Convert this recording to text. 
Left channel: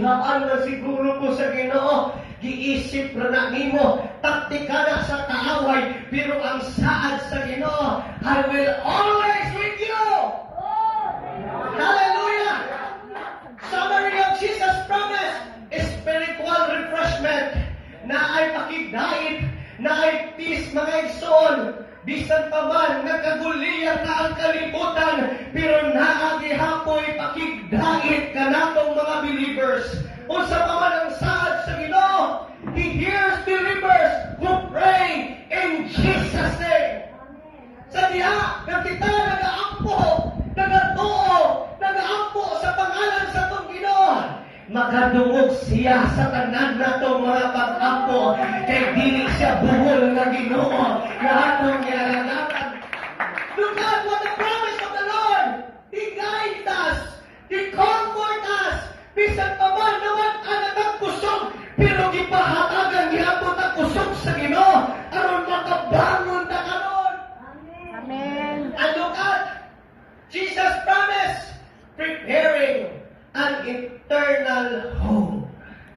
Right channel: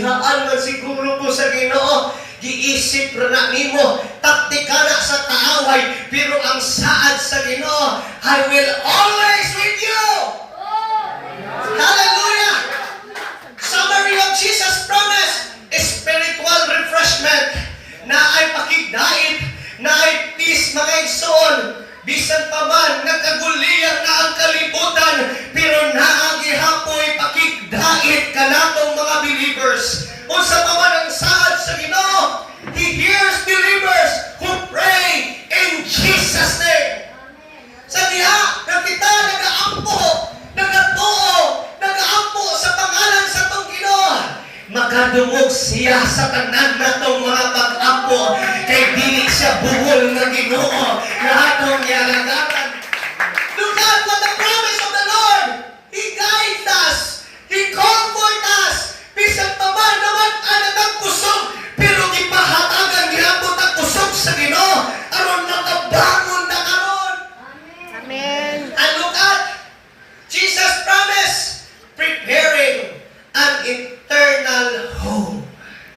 Gihaan man siguro ko sa Ginoo, giisip ra na nimo, taktika na sa kaaway, pero ang saad sa Ginoo, I will always with you. Hallelujah! Summary of Jesus' promise, spiritual refreshment, na ay pakigdait, na ay peace, mga igsoon. Bisan pa man, nagkaguliyar na ang kalibutan, pero naagihapoy pakigdait ka natong mga believers. Unsa pa man ang saad sa Ginoo, He hears believers who pray in Jesus' name. Sa diha, na kita nagaampo, nagatuo, nagaampo sa pangalan sa tong Ginoo, makadungog siya sa tanan natong mga pag-ampo, kay dili siya buho